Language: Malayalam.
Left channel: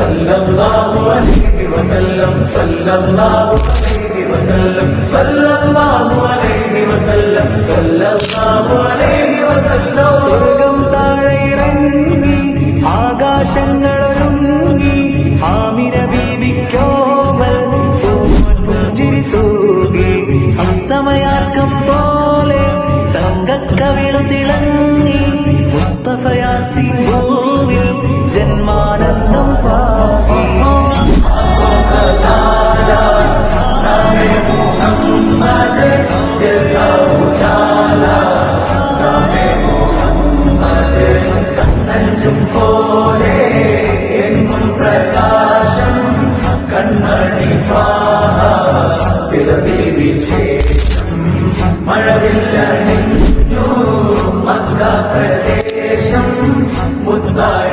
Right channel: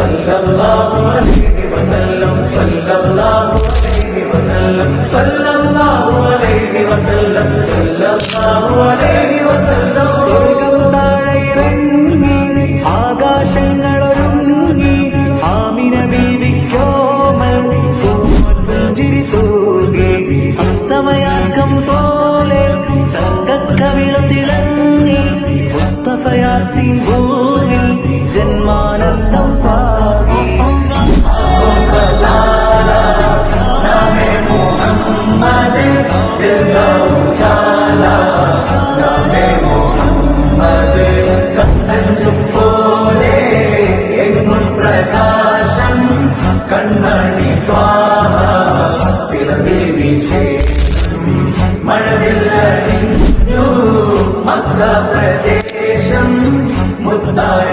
സല്ലല്ലാഹു അലൈഹി വസല്ലം സല്ലല്ലാഹു അലൈഹി വസല്ലം സല്ലല്ലാഹു അലൈഹി വസല്ലം സല്ലല്ലാഹു അലൈഹി വസല്ലം. സ്വർഗം താഴെ ഇറങ്ങി ആകാശങ്ങളൊരുങ്ങി ആമിന ബീവിക്കോമൽ പുഞ്ചിരി തൂകി അസ്തമയാർക്കം പോലെ തങ്കക്കവിളു തിളങ്ങി മുസ്തഫ യാസീൻ ഭൂവിൽ ജന്മാനന്ദം പാകി. പോലെ എങ്ങും പ്രകാശം കണ്ണടി മഴവില്ലണിഞ്ഞു മക്ക പ്രദേശം മുത്തായ